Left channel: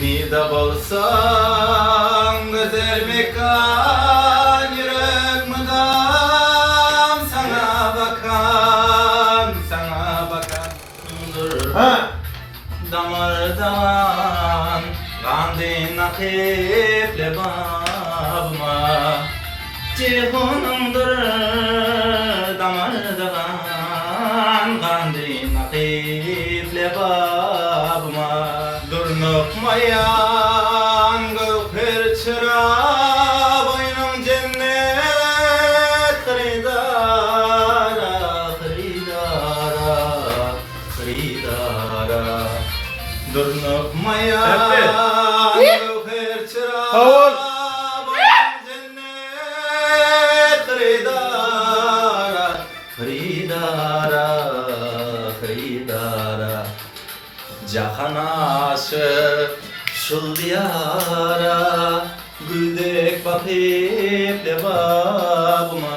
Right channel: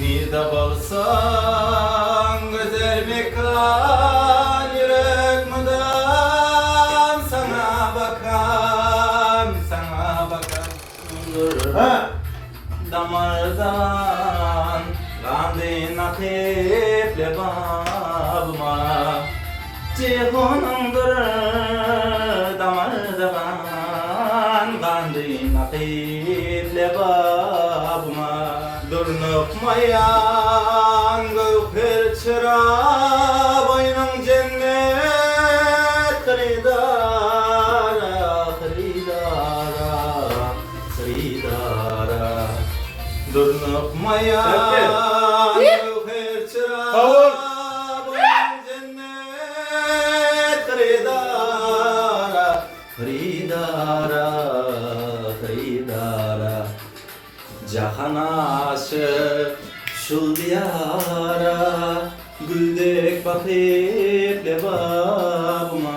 Nida bolsan güzel mekan yürek mudam sana bakan dur damardan gandin akıple babıma cihunumdur damardan gandin akıple babıma Durnukmayan gövher çıra boynun cennet Hridara Durnukmayan gövher çıra boynun cennet Hridara Cahan aşık şul diyara Güldek bakıp lebabıma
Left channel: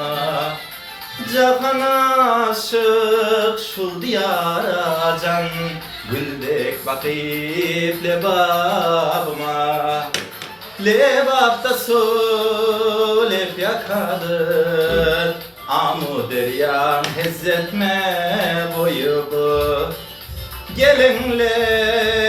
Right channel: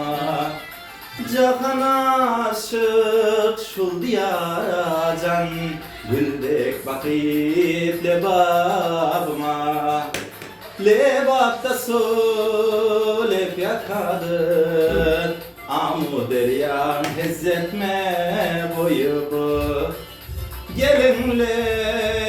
Cahan aşık şul diyara Can güldek bakıp lebabıma Lebapta su lep yakadır Amu deryan hezzetme boyubu Gelinle